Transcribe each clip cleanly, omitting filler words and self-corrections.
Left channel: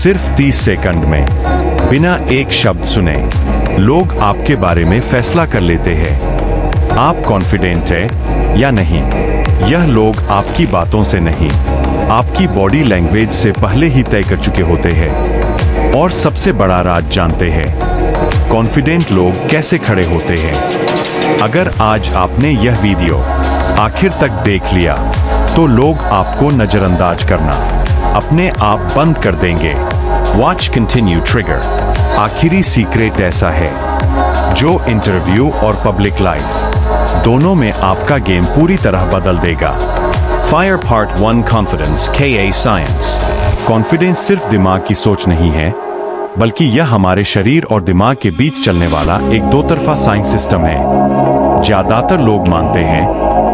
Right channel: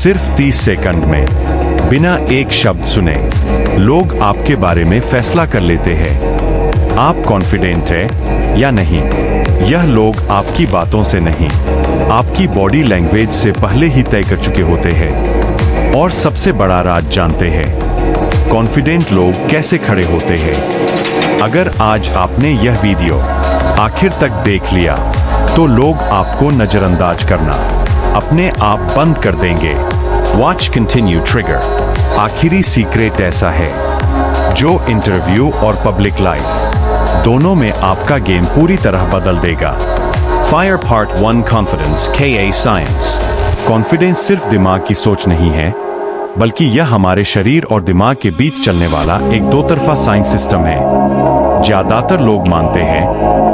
सिर्फ 30 सेकंड में, बिना एक शब्द सुने, लोग आपके बारे में फैसला कर लेते हैं आप कॉन्फिडेंट हैं या नहीं। यह लोग आपकी बातों से नहीं, आपकी बॉडी लैंग्वेज से पहले ही तय कर चुके होते हैं। और सबसे बड़ा राज जानते हैं कॉन्फिडेंट लोग कैसे खड़े होते हैं। अगर आज आपने यह वीडियो आखिर तक देख लिया तो लोग आपको नजरअंदाज करना अपने आप बंद कर देंगे। Watch continue trigger. आखिरी सीक्रेट ऐसा है जो इंटरव्यू और पब्लिक लाइफ दोनों में आपका गेम पूरी तरह बदल देगा। Fire part 1 confidence KA science. Confidence सिर्फ दिमाग की सोच नहीं है, बल्कि यह हमारे शरीर और दिमाग के बीच चलने वाला एक दो तरफा साइंस सिस्टम है। ज्यादातर लोग मानते हैं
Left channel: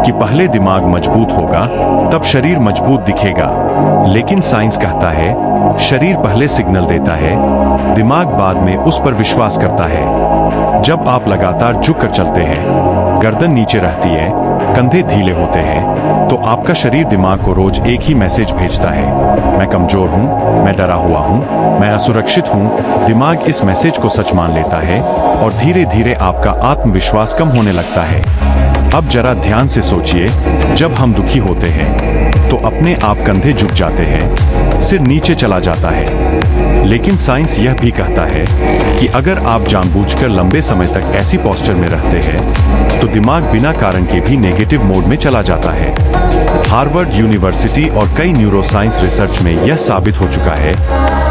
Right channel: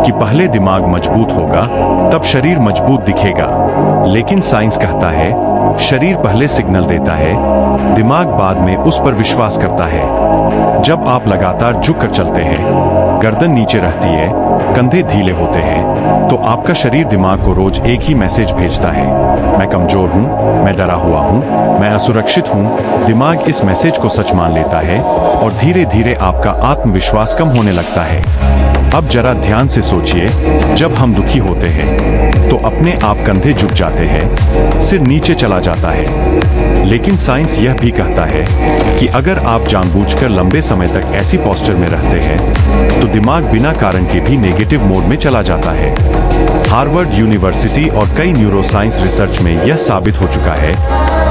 कि पहले दिमाग मजबूत होगा तब शरीर मजबूत दिखेगा, लेकिन साइंस कहता है शरीर पहले सिग्नल देता है, दिमाग बाद में उस पर विश्वास करता है। जब आप लगातार झुक कर चलते हैं, गर्दन नीचे रहती है, कंधे ढीले होते हैं, तो आपका शरीर दिमाग को रोज एक ही मैसेज भेजता है, मैं कमजोर हूं, मैं डरा हुआ हूं, मैं असुरक्षित हूं। दिमाग इस मैसेज को सच मान लेता है और धीरे धीरे आपका आत्मविश्वास कम होने लगता है। अब जरा ध्यान से सोचिए, जब हम दुखी होते हैं तो अपने आप कंधे झुक जाते हैं, सिर नीचे चला जाता है। लेकिन साइंस यह भी कहता है कि अगर आप जानबूझकर लंबे समय तक ऐसी पोस्चर में रहते हैं तो दिमाग बिना कारण के भी नेगेटिव मोड में चला जाता है। हार्वर्ड यूनिवर्सिटी और कई न्यूरोसाइंस रिसर्च में यह साबित हो चुका है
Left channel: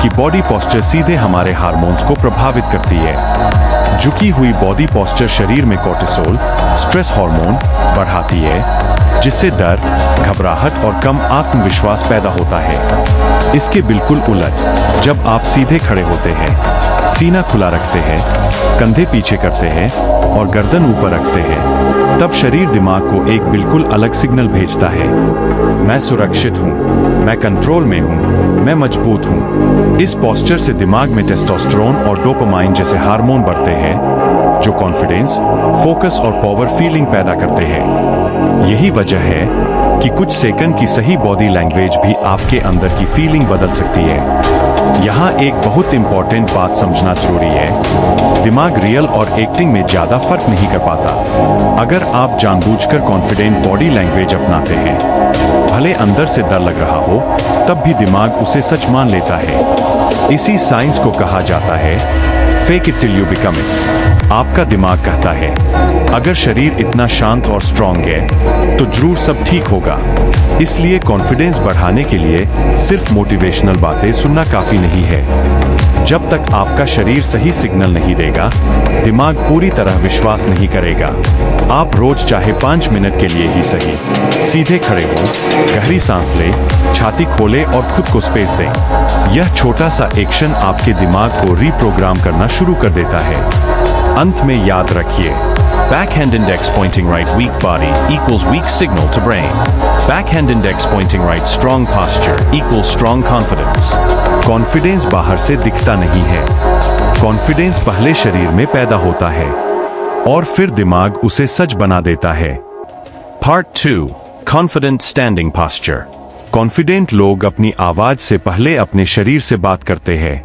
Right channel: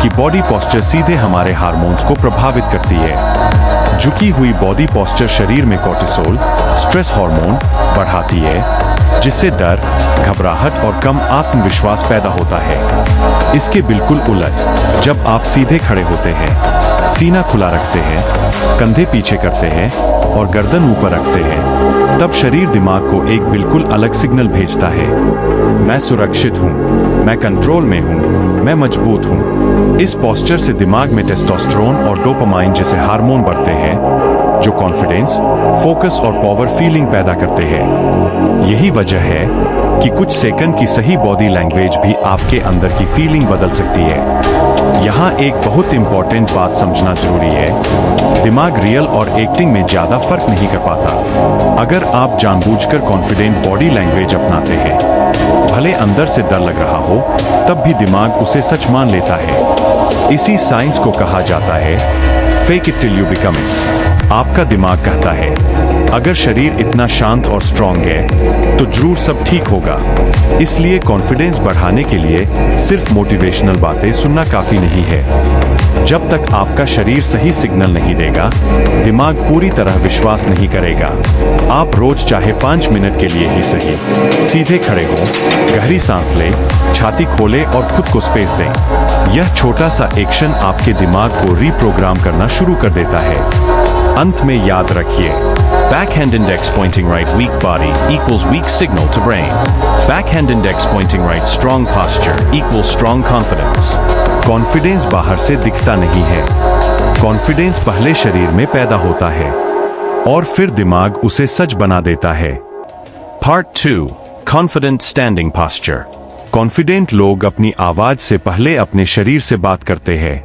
कि बॉडी पोस्चर सीधे हमारे हार्मोन्स को प्रभावित करती है। झुकी हुई बॉडी पोस्चर शरीर में कोर्टिसोल, स्ट्रेस हार्मोन बढ़ाती है, जिससे डर, घबराहट और कम आत्मविश्वास पैदा होता है। इसके बिल्कुल उलट, जब आप सीधे खड़े होते हैं, सीना खुला रखते हैं, कंधे पीछे करते हैं और गर्दन ऊपर रखते हैं, तब शरीर दिमाग को एक बिल्कुल अलग सिग्नल भेजता है। मैं सुरक्षित हूं, मैं कंट्रोल में हूं, मैं मजबूत हूं। इस पोस्चर से दिमाग में टेस्टोस्टेरोन और डोपामाइन जैसे हार्मोन बढ़ते हैं, जो कॉन्फिडेंस, फोकस और पावर फीलिंग पैदा करते हैं। यही वजह है कि कुछ सेकंड की सही बॉडी लैंग्वेज भी आपके अंदर की फीलिंग बदल सकती है। यहाँ एक बहुत इंपॉर्टेंट बात समझना जरूरी है, दिमाग रियल और एक्टिंग में ज्यादा फर्क नहीं कर पाता। अगर आप जानबूझकर कॉन्फिडेंट बॉडी लैंग्वेज अपनाते हैं, भले अंदर से डर लग रहा हो, तब भी दिमाग उसे सच मान लेता है। इसी साइंस को कहा जाता है fake it till you become it. आपका दिमाग कहता है अगर शरीर इतना शांत और स्ट्रांग है तो जरूर सब ठीक होगा। इसलिए कॉन्फिडेंस बढ़ाने के लिए सिर्फ मोटिवेशनल बातें सुनना काफी नहीं है। जब तक आपका शरीर सही सिग्नल नहीं देगा, दिमाग पूरी तरह विश्वास नहीं करेगा। आप रोज चाहे 5 मिनट के लिए ही सही, सीधे खड़े हो, गहरी सांस ले, छाती खोले और खुद को स्पेस दें। यह छोटा सा एक्शन आपके दिमाग को रीप्रोग्राम करना शुरू कर देता है। अंत में याद रखिए, backhand index pointing right weak body equals weak signal to brain. Backhand index pointing right strong posture equals strong confidence. Confidence बाहर से दिखता नहीं है, कॉन्फिडेंस पहले शरीर में पैदा होता है और फिर दिमाग उसे सच बना देता है। Part 2 Confident Standing Posture। Confident लोग अपनी आवाज से पहले अपने शरीर से बात करते हैं।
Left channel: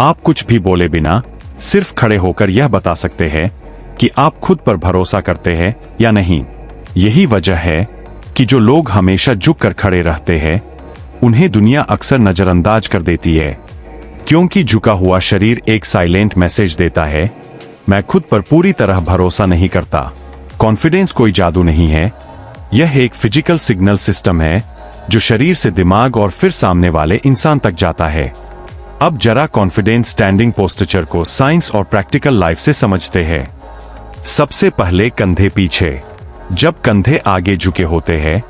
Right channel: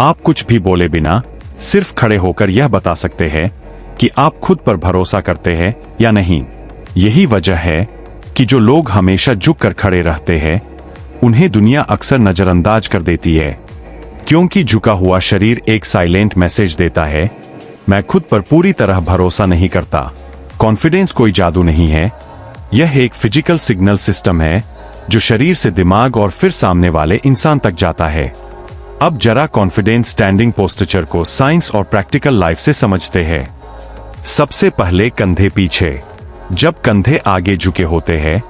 आप कुछ भी बोले बिना सिर्फ खड़े होकर यह बता सकते हैं कि आप खुद पर भरोसा करते हैं या नहीं। यही वजह है कि जो लोग हमेशा झुक कर खड़े रहते हैं, उन्हें दुनिया अक्सर नजरअंदाज कर देती है, क्योंकि झुका हुआ शरीर एक साइलेंट मैसेज देता है, मैं खुद पर पूरी तरह भरोसा नहीं करता। कॉन्फिडेंस कोई जादू नहीं है, यह एक फिजिकल सिग्नल सिस्टम है जो शरीर से दिमाग और फिर सामने वाले इंसान तक जाता है। अब जरा कॉन्फिडेंस स्टैंडिंग पोस्चर को साइंस और प्रैक्टिकल लाइफ से समझते हैं। सबसे पहले कंधे पीछे। जब कंधे आगे झुके होते हैं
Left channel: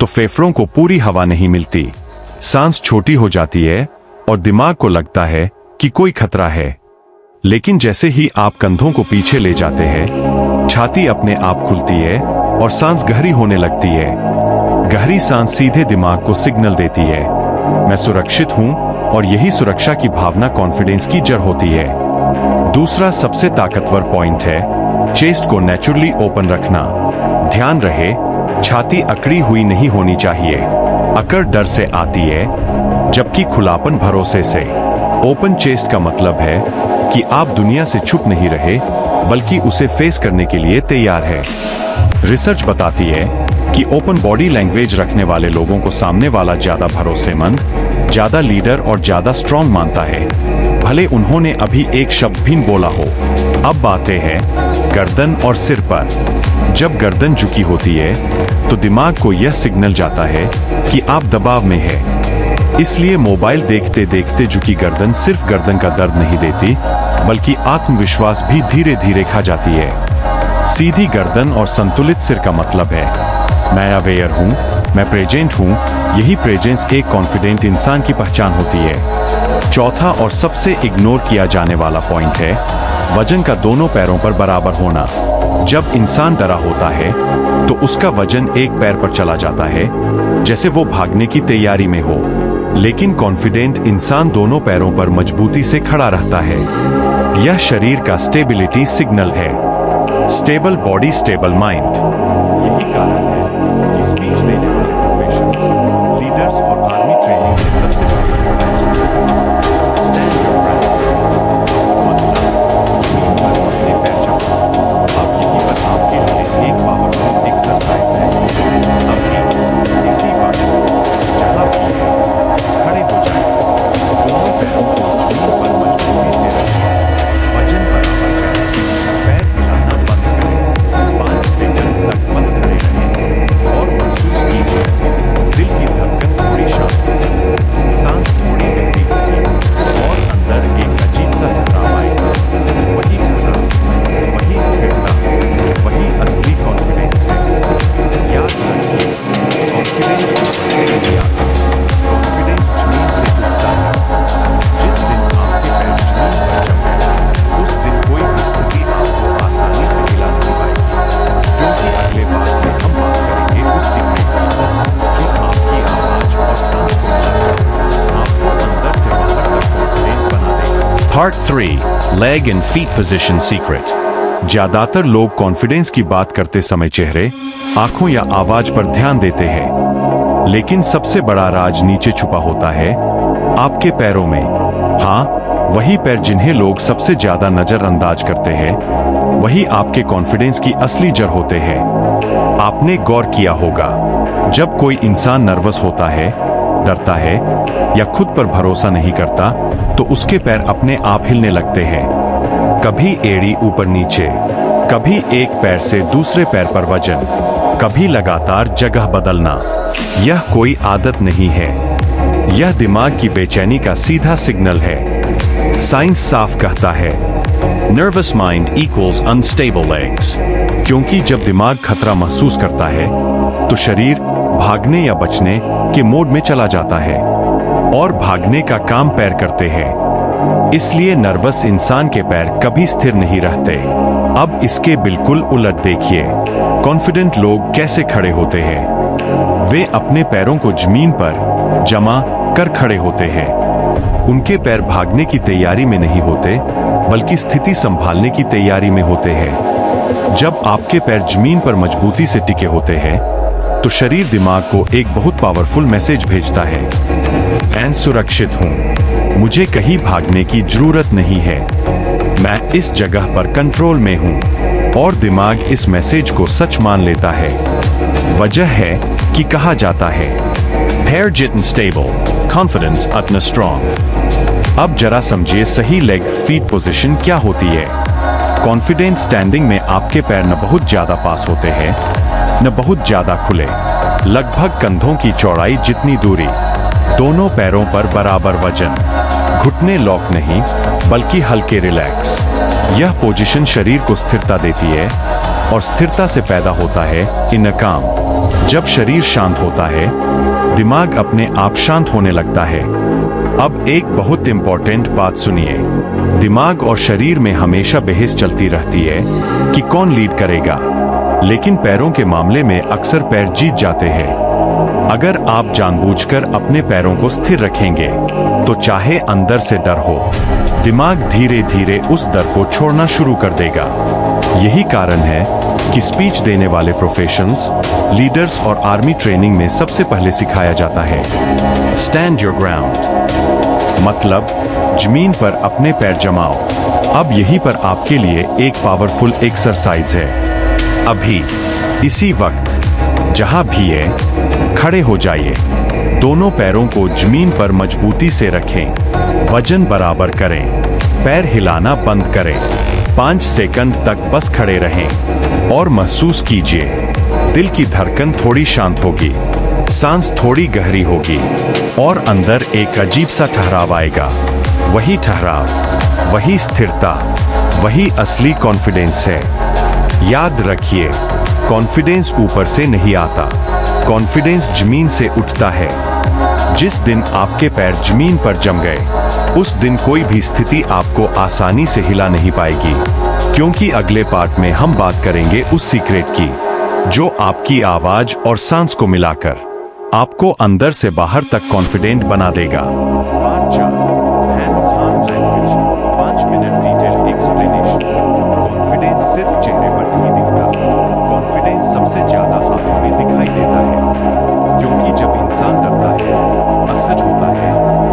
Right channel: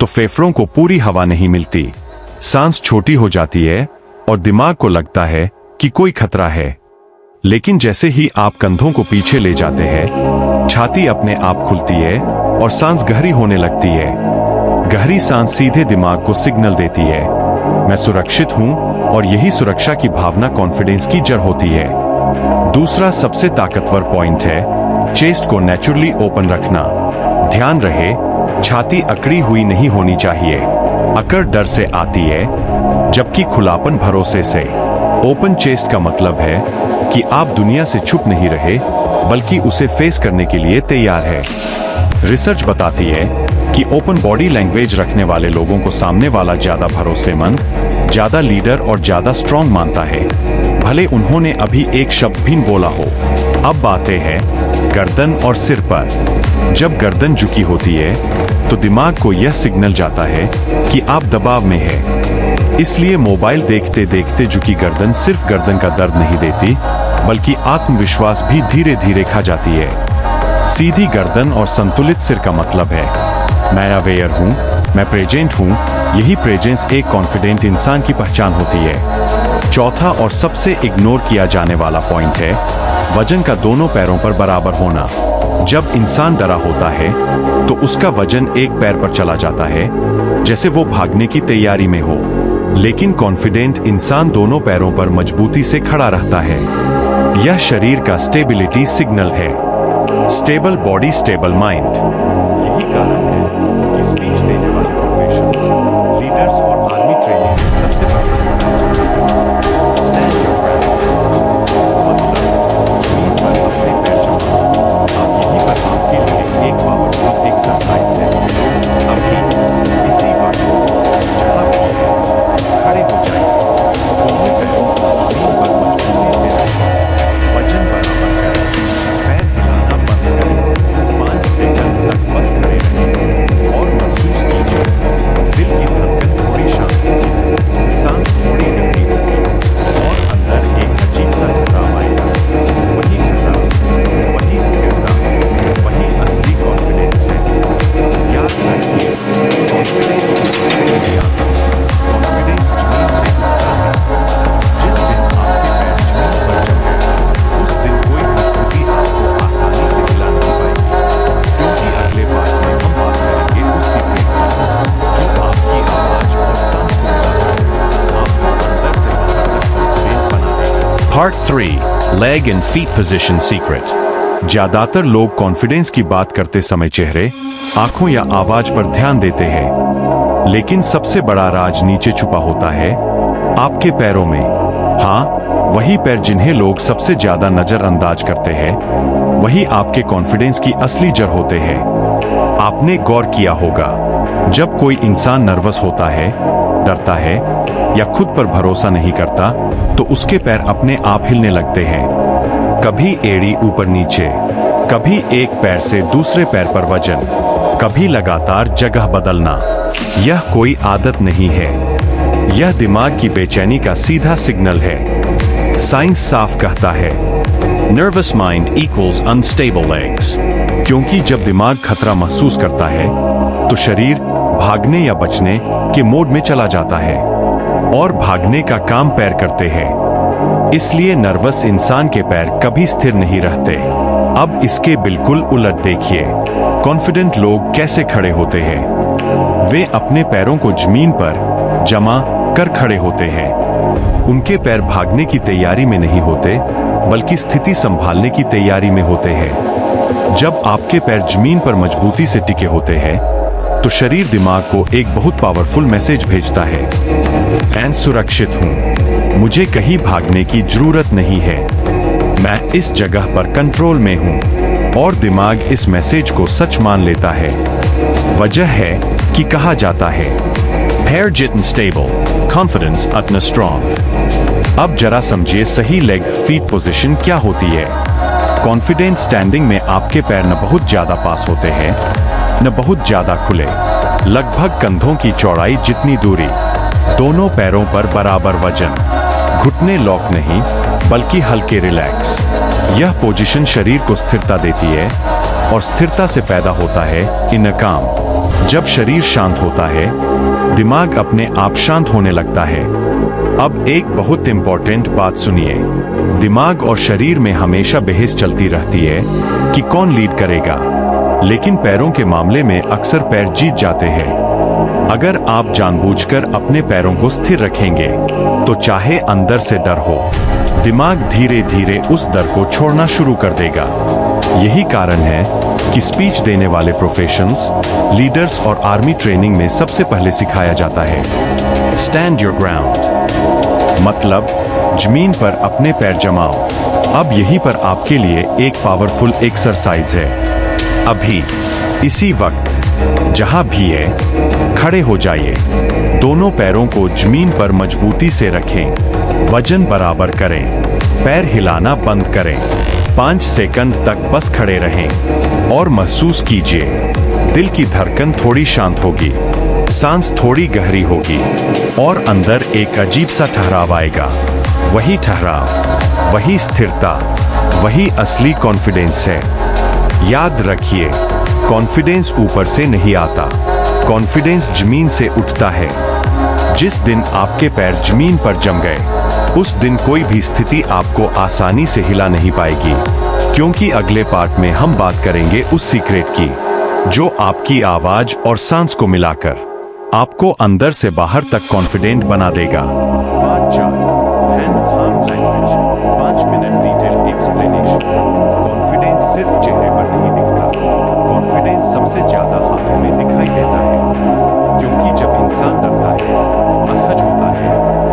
तो फेफड़ों को पूरी हवा नहीं मिलती, सांस छोटी हो जाती है और दिमाग को लगता है कि कोई खतरा है। लेकिन जैसे ही आप कंधों को पीछे ले जाते हैं, छाती अपने आप खुलती है और सांस गहरी होने लगती है। गहरी सांस सीधे दिमाग को सिग्नल देती है, मैं सुरक्षित हूं, और यही सुरक्षा की भावना कॉन्फिडेंस की जड़ होती है। दूसरा सबसे ताकतवर पॉइंट है चेस्ट को नेचुरली ओपन रखना। ध्यान रहे, छाती अकड़ी हुई नहीं होनी चाहिए। अकड़ डर से आती है, जबकि खुलापन भरोसे से। ओपन चेस्ट का मतलब है कि आप दुनिया से छुप नहीं रहे, बल्कि उसे फेस करने के लिए तैयार है। रिसर्च बताती है कि ओपन बॉडी लैंग्वेज रखने वाले लोगों को सामने वाला ज्यादा भरोसेमंद, ज्यादा लीडर और ज्यादा स्ट्रांग मानता है, भले उन्होंने अभी एक शब्द भी बोला हो। अब बातें हैं गर्दन और सिर पर। जब गर्दन झुकी होती है तो दिमाग को यह सिग्नल जाता है कि आप दबाव में है। इसलिए मोबाइल देखते देखते झुकी गर्दन सिर्फ गर्दन का दर्द नहीं देती, बल्कि आत्मविश्वास भी धीरे धीरे खा जाती है। सीधी गर्दन और संतुलित सिर का मतलब है मैं अवेयर हूं, मैं प्रेजेंट हूं। यही प्रेजेंस एक कॉन्फिडेंट इंसान की पहचान होती है। चौथा और सबसे इग्नोर किया जाने वाला पॉइंट है वजन का दोनों पैरों पर बराबर होना। जब इंसान डरा होता है तो उसका वजन एक पैर पर चला जाता है, जैसे वो भागने की तैयारी में हो। लेकिन कॉन्फिडेंट इंसान दोनों पैरों पर मजबूती से खड़ा रहता है। यह शरीर का स्टेबिलिटी सिग्नल है। Stable body stable mind. यही कारण है कि स्पीच देने वाले प्रोफेशंस, लीडर्स और आर्मी ट्रेनिंग में सबसे पहले सिखाया जाता है स्टैंड योर ग्राउंड, मतलब जमीन पर अपने पैर जमाओ। अब यहीं पर आपके लिए एक पावरफुल एक्सरसाइज है। अभी इसी वक्त जहां भी है खड़े हो जाइए, दोनों पैरों को जमीन पर मजबूती से रखें, वजन बराबर करें, पैर हिलाना बंद करें, 5 सेकंड तक बस खड़े रहें और महसूस कीजिए दिल की धड़कन थोड़ी शांत होगी, सांस थोड़ी गहरी होगी और अंदर एक अजीब सा ठहराव आएगा। वही ठहराव, वही स्थिरता, वही असली कॉन्फिडेंस है। याद रखिए, कॉन्फिडेंस ऊपर से नहीं आता, कॉन्फिडेंस जमीन से उठता है। जिस दिन आपके पैर जमीन पर जम गए, उस दिन कोई भी स्थिति आपको आसानी से हिला नहीं पाएगी, क्योंकि अगले पार्ट में हम बात करेंगे उस सीक्रेट की जो आपकी आवाज और सांस को मिलाकर आपको अंदर से बाहर तक कॉन्फिडेंट बना देगा। Part 3, leg and feet position secret. ज्यादातर लोग कॉन्फिडेंस की बात करते समय चेहरे, आंखों या आवाज पर ध्यान देते हैं, लेकिन सबसे बड़ा राज नीचे छुपा होता है, आपके पैरों में। हाँ, वही पैर जिन्हें लोग सबसे ज्यादा नजरअंदाज करते हैं, वही आपके कॉन्फिडेंस की असली जड़ होते हैं। आपने गौर किया होगा, जब कोई इंसान नर्वस होता है, डरता है या खुद पर भरोसा नहीं करता, तो उसके पैर अपने आप हिलने लगते हैं। कभी एड़ी ऊपर नीचे, कभी एक पैर से दूसरे पैर पर वजन, कभी लगातार जगह बदलना। यह कोई आदत नहीं है, यह दिमाग की बेचैनी का सीधा सिग्नल है। साइंस साफ कहता है nervous mind equals unstable legs, क्योंकि जब दिमाग खतरा महसूस करता है तो शरीर भागने या बचने के मोड में चला जाता है और भागने का काम पैर करते हैं। इसलिए नर्वस इंसान के पैर कभी स्थिर नहीं रहते। अब इसके बिल्कुल उलट देखिए, कॉन्फिडेंट लोग कैसे खड़े होते हैं। वे अपने पैरों को जमीन पर जमा कर खड़े होते हैं। उनके पैर भागने की तैयारी में नहीं होते, बल्कि स्थिति संभालने की तैयारी में होते हैं। जब आपके पैर जमीन पर मजबूती से टिके होते हैं, तो शरीर दिमाग को एक बहुत पावरफुल मैसेज भेजता है, मैं सुरक्षित हूं, मुझे कहीं भागने की जरूरत नहीं है, मैं इस जगह पर कंट्रोल में हूं। और दिमाग इस मैसेज को सच मान लेता है। वजह है कि कहा जाता है पैर जितने स्टेबल, कॉन्फिडेंस उतना स्ट्रॉन्ग। अब जरा समझिए सही लेग फीट पोजीशन क्या होती है। कॉन्फिडेंट स्टैंडिंग में आपके पैर न बहुत ज्यादा पास होते हैं, न बहुत ज्यादा खुले, लगभग कंधों की चौड़ाई जितनी दूरी, दोनों पैरों पर बराबर वजन, घुटने लॉक नहीं बल्कि हल्के रिलैक्स। यह पोजीशन शरीर को स्थिरता देती है और स्थिरता से पैदा होता है इनर काम। जब शरीर शांत होता है, दिमाग अपने आप शांत होने लगता है। अब एक बहुत इंपॉर्टेंट बात सुनिए, दिमाग और शरीर में हमेशा बहस चलती रहती है कि कौन लीड करेगा, लेकिन पैरों के मामले में अक्सर पैर जीत जाते हैं। अगर आप जानबूझकर अपने पैरों को स्थिर रखेंगे, तो चाहे अंदर से डर हो, दिमाग धीरे धीरे उस डर को छोड़ना शुरू कर देगा। यही कारण है कि स्पीच देने वाले प्रोफेशनल्स, लीडर्स और आर्मी ट्रेनिंग में सबसे पहले सिखाया जाता है स्टैंड योर ग्राउंड मतलब जमीन पर अपने पैर जमाओ। अब यहीं पर आपके लिए एक पावरफुल एक्सरसाइज है। अभी इसी वक्त जहां भी है खड़े हो जाइए। दोनों पैरों को जमीन पर मजबूती से रखें, वजन बराबर करें, पैर हिलाना बंद करें। 5 सेकंड तक बस खड़े रहें और महसूस कीजिए दिल की धड़कन थोड़ी शांत होगी, सांस थोड़ी गहरी होगी और अंदर एक अजीब सा ठहराव आएगा। वही ठहराव, वही स्थिरता, वही असली कॉन्फिडेंस है। याद रखिए, कॉन्फिडेंस ऊपर से नहीं आता, कॉन्फिडेंस जमीन से उठता है। जिस दिन आपके पैर जमीन पर जम गए, उस दिन कोई भी स्थिति आपको आसानी से हिला नहीं पाएगी। क्योंकि अगले पार्ट में हम बात करेंगे उस सीक्रेट की जो आपकी आवाज और सांस को मिलाकर आपको अंदर से बाहर तक कॉन्फिडेंट बना देगा। पार्ट 4, हैंड थाम language, 5 minute detail explanation. Confidence सिर्फ चेहरे पर नहीं दिखता, कॉन्फिडेंस सबसे ज्यादा हाथों में दिखाई देता है। क्योंकि जब इंसान डरता है, असहज होता है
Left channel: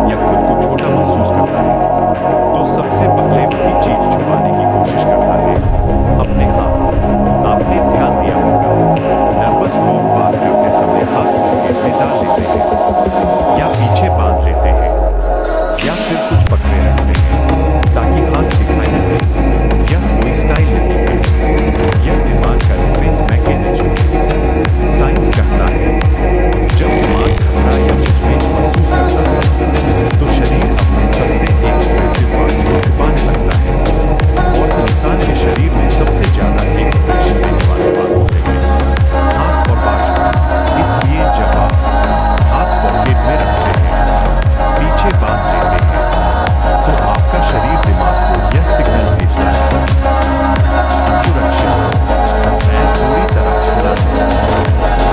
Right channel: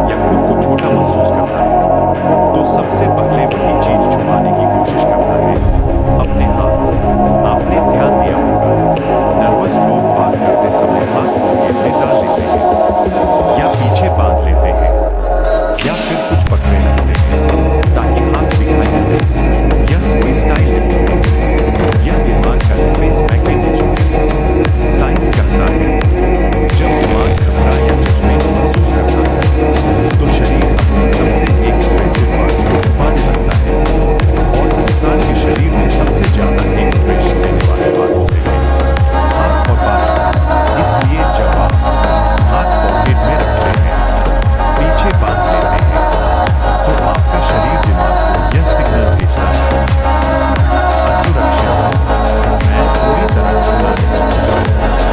या खुद को छोटा महसूस करता है, तो सबसे पहले वही चीज छुपाने की कोशिश करता है, अपने हाथ। आपने ध्यान दिया होगा, नर्वस लोग बात करते समय हाथ पॉकेट में डाल लेते हैं या पीछे बांध लेते हैं या फिर कुछ पकड़े रखते हैं ताकि हाथ दिखाई न दे। यह कोई स्टाइल नहीं है, यह दिमाग का डिफेंस मैकेनिज्म है। साइंस कहता है, जब दिमाग खतरा या जजमेंट महसूस करता है तो शरीर अपने सबसे एक्सप्रेसिव पार्ट्स को छुपाने लगता है। और इंसान के शरीर में सबसे ज्यादा एक्सप्रेशन देने वाले पार्ट होते हैं हाथ और बाजू। इसलिए जब आप हाथ पॉकेट में रखते हैं, पीछे बांध लेते हैं, तो आपका शरीर दिमाग को यह सिग्नल भेजता है, असुरक्षित हूं, मैं पूरी तरह खुला नहीं हूं,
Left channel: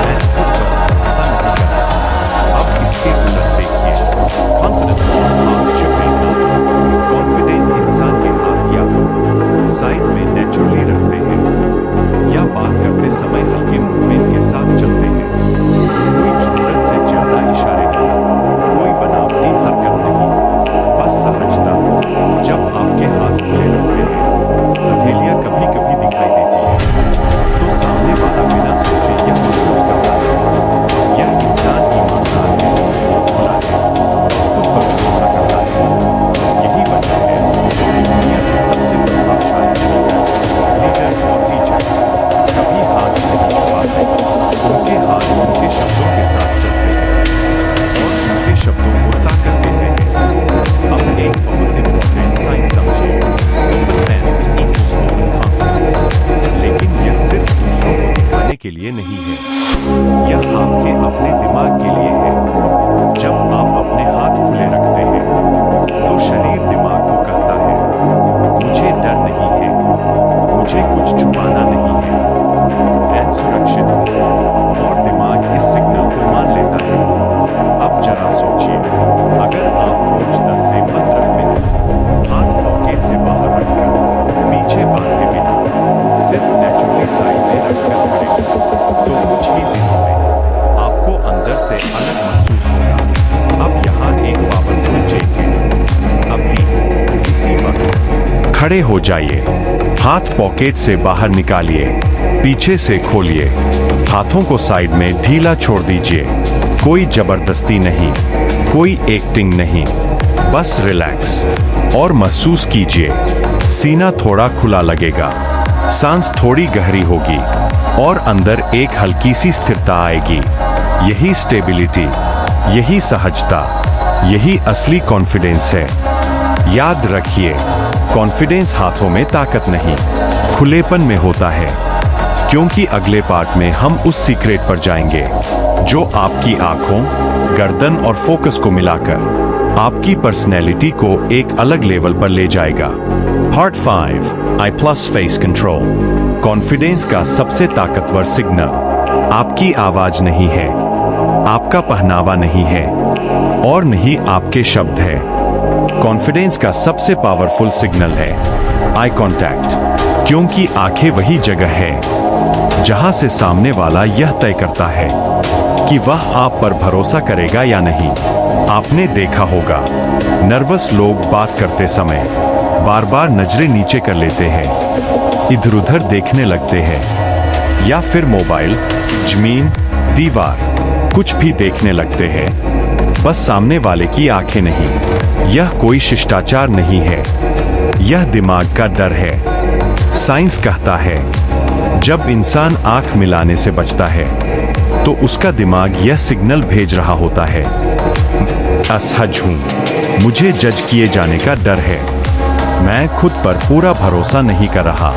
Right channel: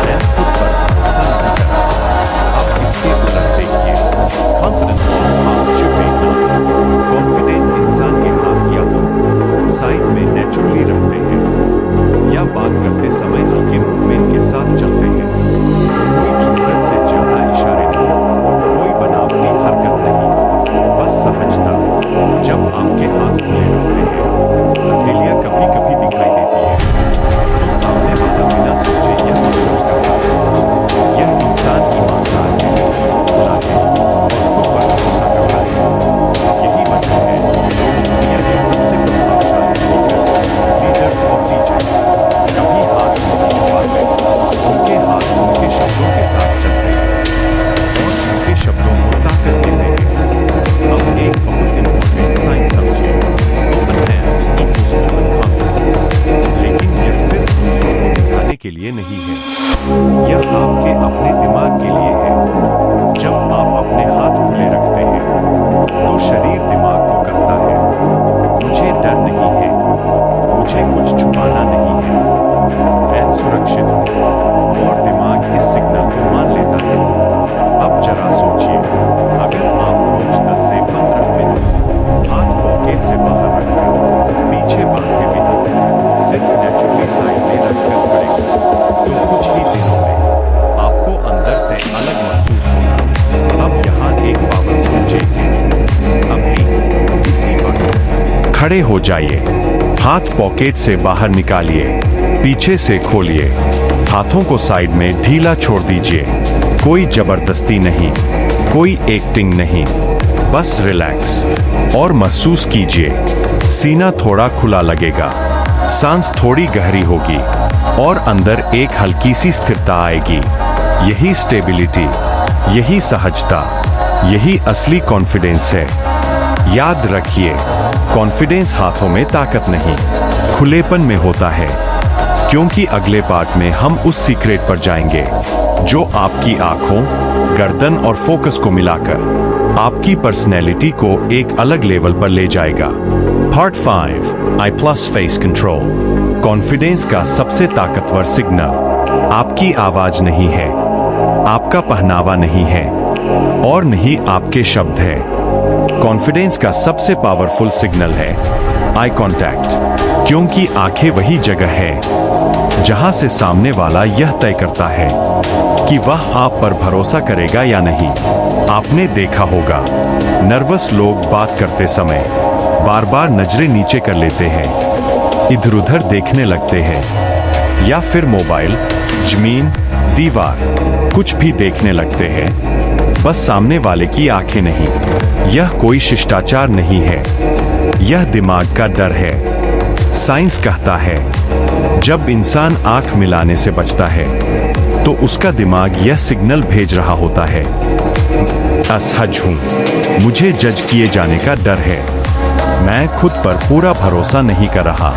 मैं खुद पर भरोसा नहीं कर रहा। अब इसके उलट देखिए, कॉन्फिडेंट लॉग हाथ छुपे ना है। कॉन्फिडेंट इंसान के हाथ या तो साइड में नेचुरली रहते हैं या बात करते समय हल्के मूवमेंट के साथ चलते हैं। कोई जरूरत से ज्यादा इशारे नहीं, कोई बनावटी हरकत नहीं, बस सहजता। जब आपके हाथ खुले रहते हैं, हथेलियां कभी कभी दिखाई देती है, तो सामने वाला बिना सोचे यह महसूस करता है, यह इंसान ईमानदार है, खुला है और खुद पर भरोसा करता है। यही वजह है कि दुनिया के सबसे प्रभावशाली स्पीकर्स, लीडर्स और टीचर्स कभी हाथ नहीं छुपाते। उनके हाथ उनके शब्दों के साथ चलते हैं और उनके शब्दों को ताकत देते हैं। अब एक बहुत इंपॉर्टेंट साइंस समझिए, open hands equals open confidence. लेकिन यह सिर्फ दूसरों को दिखाने के लिए नहीं है, यह आपके अपने दिमाग के लिए है। जब आप अपने हाथ खुले रखते हैं, तो शरीर दिमाग को कहता है, मुझे डर नहीं है, मुझे कुछ छुपाना नहीं है, मैं सुरक्षित हूं। और दिमाग इस सिग्नल को मान लेता है। अब जरा सोचिए, अगर आप रोज 10 से 15 मिनट हाथ पॉकेट से बाहर रखकर, पीछे बांधे बिना, सिर्फ नेचुरली साइड में रखकर खड़े हो, तो कुछ ही दिनों में आपको अंदर से अलग महसूस होगा। अब यहाँ एक पावरफुल चेक है, अभी इसी वक्त खड़े हो जाइए, हाथ पॉकेट से बाहर निकालिए, पीछे से खोलिए, हाथों को साइड में ढीला छोड़ दीजिए। कोई जबरदस्ती नहीं, कोई एक्टिंग नहीं, बस रिलैक्स और महसूस कीजिए। सीना थोड़ा खुला लगेगा, सांस थोड़ी गहरी होगी और अंदर एक हल्की सी स्थिरता आएगी। यही स्टेबिलिटी, यही सहजता, यही असली कॉन्फिडेंस है। याद रखिए, कॉन्फिडेंस हाथों में ताकत नहीं, खुलेपन में होता है। क्योंकि अगले पार्ट में हम उस सीक्रेट पर जाएंगे जो आपकी आंखों, गर्दन और फोकस को मिलाकर आपकी पर्सनैलिटी को एक अलग लेवल पर ले जाएगा। Part 5, I+ face control. Confidence का सबसे ताकतवर सिग्नल आपकी आवाज नहीं है, आपका पहनावा नहीं है और नहीं आपके शब्द है। कॉन्फिडेंस का सबसे पावरफुल सिग्नल है आई कॉन्टैक्ट। क्योंकि आंखें वही जगह है जहां से सामने वाला यह तय करता है कि वह आप पर भरोसा करेगा या नहीं। आपने देखा होगा, नर्वस लोग बात करते समय बार बार नजरें नीचे कर लेते हैं, इधर उधर देखने लगते हैं, या फिर मोबाइल, जमीन, दीवार, कुछ भी देखने लगते हैं, बस सामने वाले की आंखें नहीं। यह कोई शिष्टाचार नहीं है, यह दिमाग का डर है। साइंस कहता है, जब इंसान आंख मिलाने से बचता है तो उसका दिमाग यह सिग्नल भेज रहा होता है, असहज हूं, मुझे जज किए जाने का डर है, मैं खुद पर पूरा भरोसा नहीं कर रहा।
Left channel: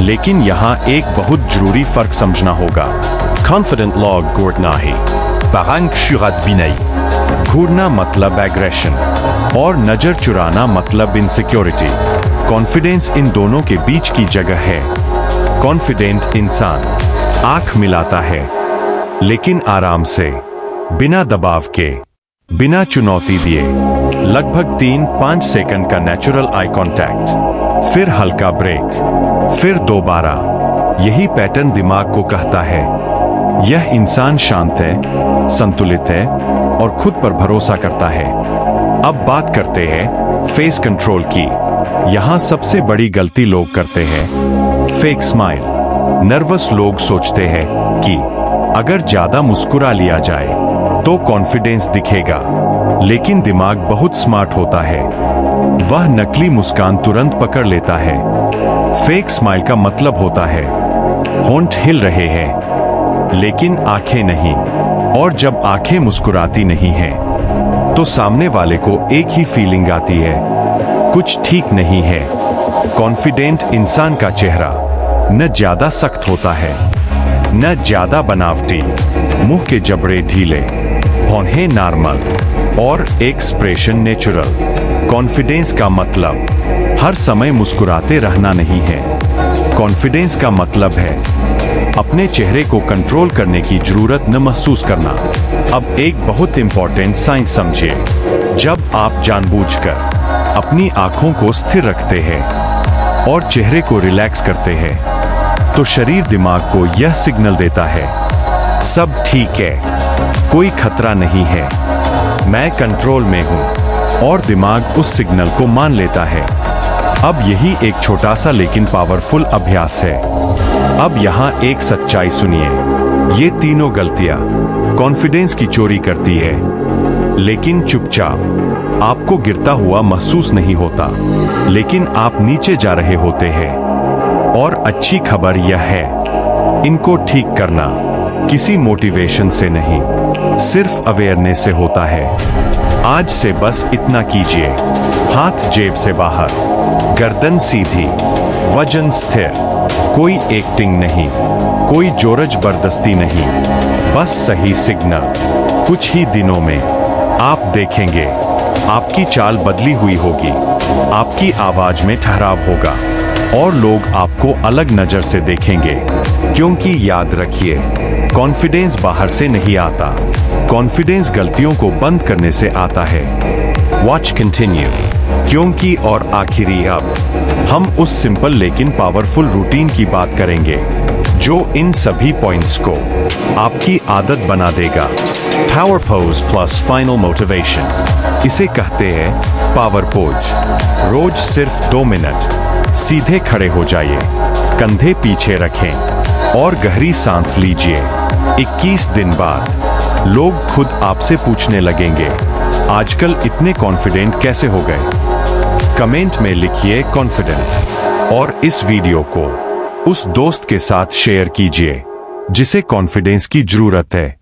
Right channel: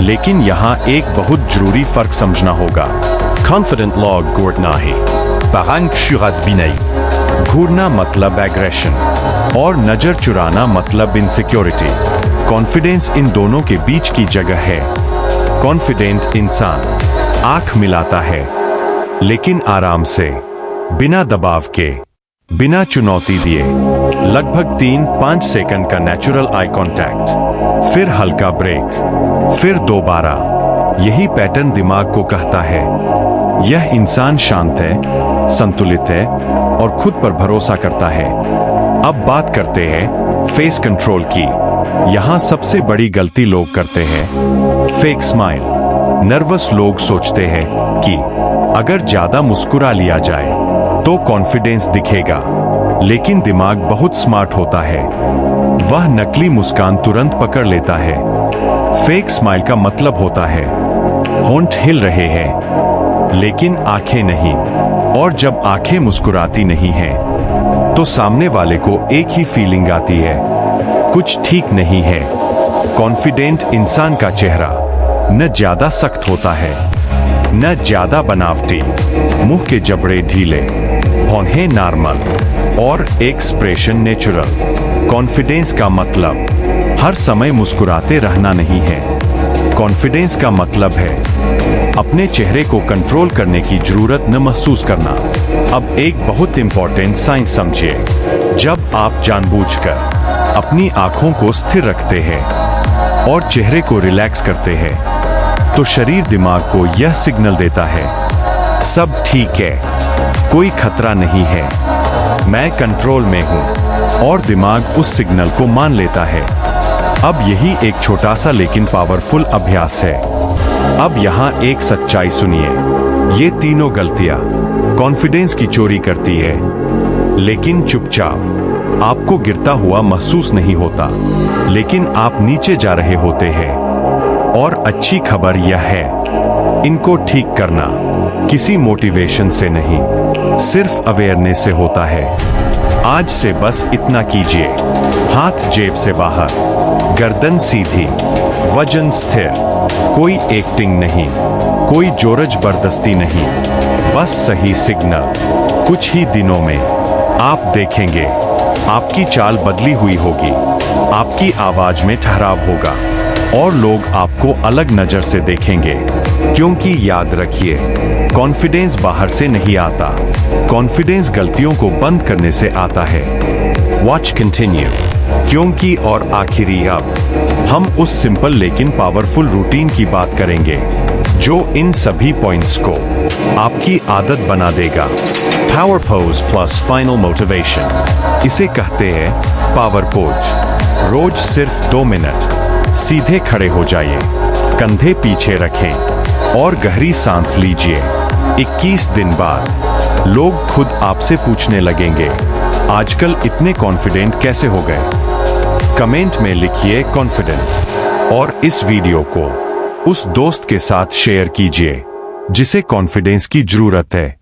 लेकिन यहाँ एक बहुत जरूरी फर्क समझना होगा। Confident log घूरनाही, parang शुरात बिनाई। घूरना मतलब एग्रेशन और नजर चुराना मतलब इनसिक्योरिटी। कॉन्फिडेंस इन दोनों के बीच की जगह है। कॉन्फिडेंट इंसान आंख मिलाता है, लेकिन आराम से, बिना दबाव के, बिना चुनौती दिए। लगभग 3-5 सेकंड का नेचुरल आई कांटेक्ट, फिर हल्का ब्रेक, फिर दोबारा। यही पैटर्न दिमाग को कहता है यह इंसान शांत है, संतुलित है और खुद पर भरोसा करता है। अब बात करते हैं फेस कंट्रोल की। यहां सबसे बड़ी गलती लोग करते हैं फेक स्माइल। नर्वस लोग सोचते हैं कि अगर ज्यादा मुस्कुरा लिया जाए तो कॉन्फिडेंस दिखेगा, लेकिन दिमाग बहुत स्मार्ट होता है, वह नकली मुस्कान तुरंत पकड़ लेता है। फेक स्माइल का मतलब होता है होंठ हिल रहे हैं लेकिन आंखें नहीं, और जब आंखें मुस्कुराती नहीं हैं तो सामने वाले को एक ही फीलिंग आती है, कुछ ठीक नहीं है। कॉन्फिडेंट इंसान का चेहरा न ज्यादा सख्त होता है, न ज्यादा बनावटी, मुंह के जबड़े ढीले, भौहें नॉर्मल और एक्सप्रेशन नेचुरल। कॉन्फिडेंस का मतलब हर समय मुस्कुराते रहना नहीं है। कॉन्फिडेंस का मतलब है अपने चेहरे को कंट्रोल करने की जरूरत न महसूस करना। अब एक बहुत इंपॉर्टेंट साइंस समझिए। जब आप जानबूझकर अपनी आंखों को स्थिर रखते हैं और चेहरे को रिलैक्स करते हैं तो शरीर दिमाग को यह सिग्नल देता है सब ठीक है, कोई खतरा नहीं है, मैं कंट्रोल में हूं, और दिमाग उस सिग्नल को मान लेता है। अब यही एक छोटा सा लेकिन पावरफुल अभ्यास है। अब यहां एक सच्चाई सुनिए, ये तीनों गलतियां कॉन्फिडेंस की चोरी करती है, लेकिन चुपचाप। आपको गिरता हुआ महसूस नहीं होता, लेकिन आप नीचे जा रहे होते हैं। और अच्छी खबर यह है, इनको ठीक करना किसी मोटिवेशन से नहीं, सिर्फ अवेयरनेस से होता है। आज से बस इतना कीजिए, हाथ जेब से बाहर, गर्दन सीधी, वजन स्थिर, कोई एक्टिंग नहीं, कोई जोर जबरदस्ती नहीं, बस सही सिग्नल। कुछ ही दिनों में आप देखेंगे आपकी चाल बदली हुई होगी, आपकी आवाज में ठहराव होगा और लोग आपको अलग नजर से देखेंगे। क्योंकि याद रखिए, कॉन्फिडेंस बाहर से नहीं आता, कॉन्फिडेंस गलतियों को बंद करने से आता है। Watch continue. क्योंकि और आखिरी, अब हम उस सिंपल लेकिन पावरफुल रूटीन की बात करेंगे जो इन सभी पॉइंट्स को आपकी आदत बना देगा। Power pose plus final motivation. इसे कहते हैं पावर पोज। रोज सिर्फ 2 मिनट सीधे खड़े हो जाइए, कंधे पीछे रखें और गहरी सांस लीजिए। 21 दिन बाद लोग खुद आपसे पूछने लगेंगे, आजकल इतने कॉन्फिडेंट कैसे हो गए? कमेंट में लिखिए कॉन्फिडेंट और इस वीडियो को उस दोस्त के साथ शेयर कीजिए जिसे कॉन्फिडेंस की जरूरत है।